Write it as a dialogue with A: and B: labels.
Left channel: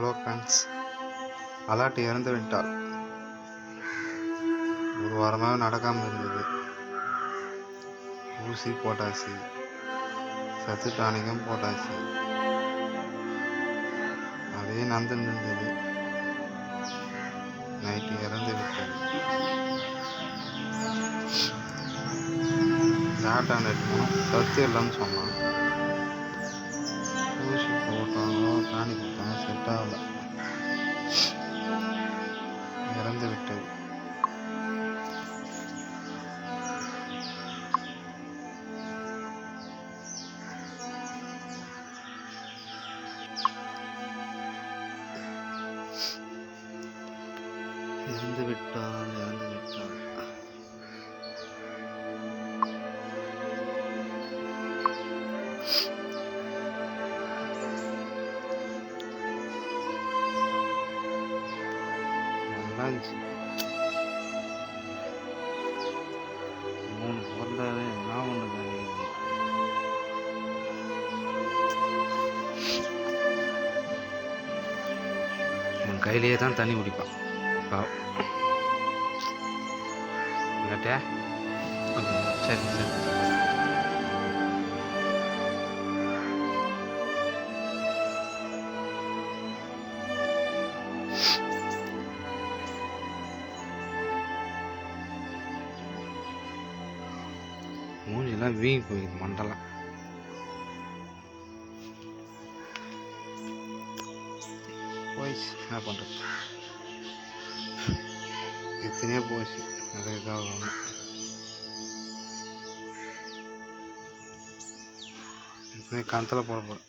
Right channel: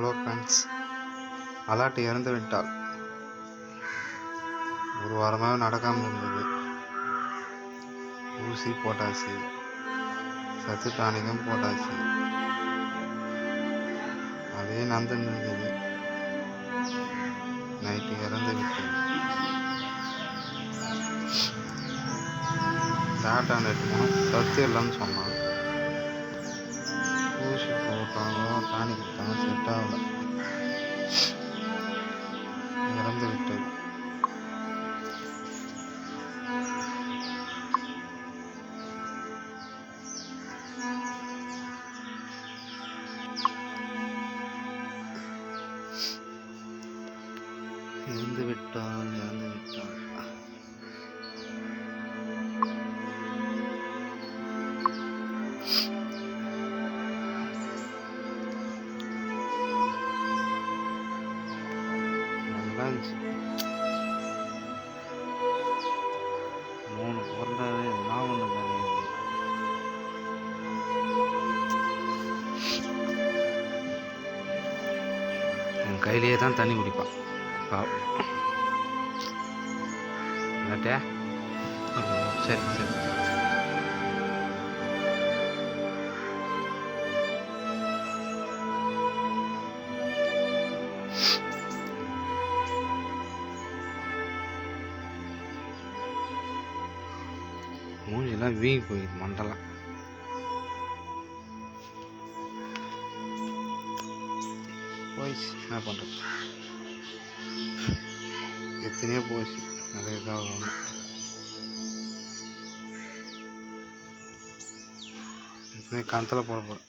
A: Hello friends alert இறந்து விட்டாள். ஒரு வாரமாக நடக்காமல் இருந்தது. ஊசி போட்டாச்சு. சத்து டானிக்கும் போட்டாச்சு. அதே நந்தன் இருந்தது. நைட்டு இறந்து விட்டது டாக்டர் நைட்டு போனோம் சத்து இல்லைன்னு சொன்னான். ஊசி போட்டாங்க டானிக் பணம் செட் ஆகல. இறந்து விட்டது. இறந்து விட்டால் இறந்து விட்டால் நல்லா இருந்துச்சு மூணு பிறந்தாவே எதுனா ஒன்று தானே இது. என் கையிலேயே தான் தண்ணி குடிப்பான் பாவம். இல்லாட்டியா சரி சரி சரி மூஞ்செல்லாம் வீங்கி போயிடுது மண்டலாம் போயிடுச்சு. என்ன பண்ணுறது எத்தனையோ போச்சு நிறைய இதாக ஒன்று. எத்தனையோ கணத்தில் போட போகிறேன்